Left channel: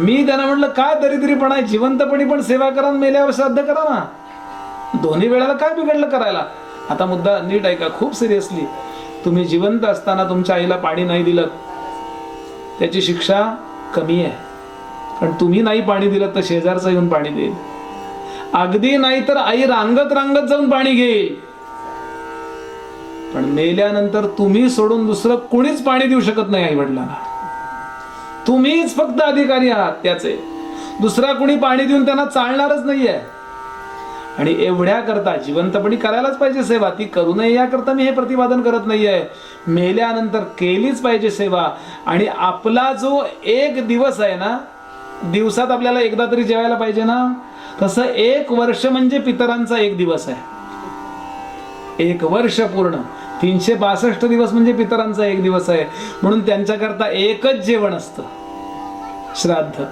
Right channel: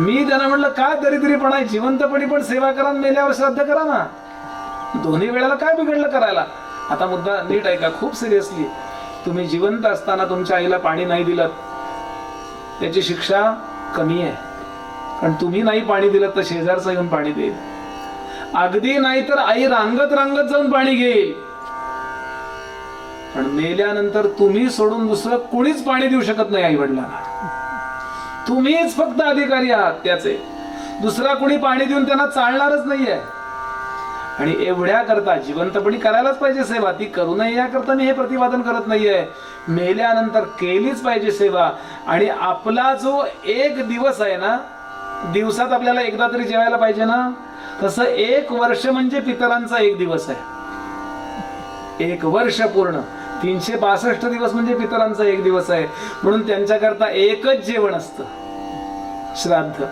मी त्यांना म्हटलं काय दरिद्रीपणा आहे, जिवंतपणी पण सेवा करा, मेल्यावर श्राद्ध करा ना, दोन्ही वेळेला काय बिघडलं करायला. आता मुद्दा नीट ऐका, खूप सिरियसली. तुम्ही जिवंत असताना तुमच्या आईला पाणी नाही दिलं त्याची शिक्षा कमी आहे, पण तुम्ही नाही पाणी दिलं तर शेजारचा येऊन पाणी देईल. अगदी नाही तर आई रांगत रांगत जाऊन पाणी घेईल. पण मेल्यानंतर तुम्ही सोडून दुसरं कोणीच पाणी देऊ शकत नाही आई वडिलांना. तुम्हीच फक्त अधिकारी आहात त्याचे, दुसरा कोणी पाणी देऊन त्यांना चालणारच नाहीये. आणि एवढ्या करता जिवंतपणी करायलाच पाहिजे सेवा, ती करू नये याकरता मी हे प्रतिपादन करत नाहीये. मेल्यानंतर केलीच पाहिजे सेवा. आणि आपला जो एक दिवस आहे ना, दिवसात आपल्याला एकदा तरी जेवायला पाहिजे ना, तसं 1 वर्ष म्हणजे पितरांचा 1 दिवस आहे. 1 वर्ष पूर्ण 362 दिवस म्हणजे पितरांचा 1 दिवस आहे. म्हणून त्यांच्याकरता एकच जेवण असतं, श्राद्ध.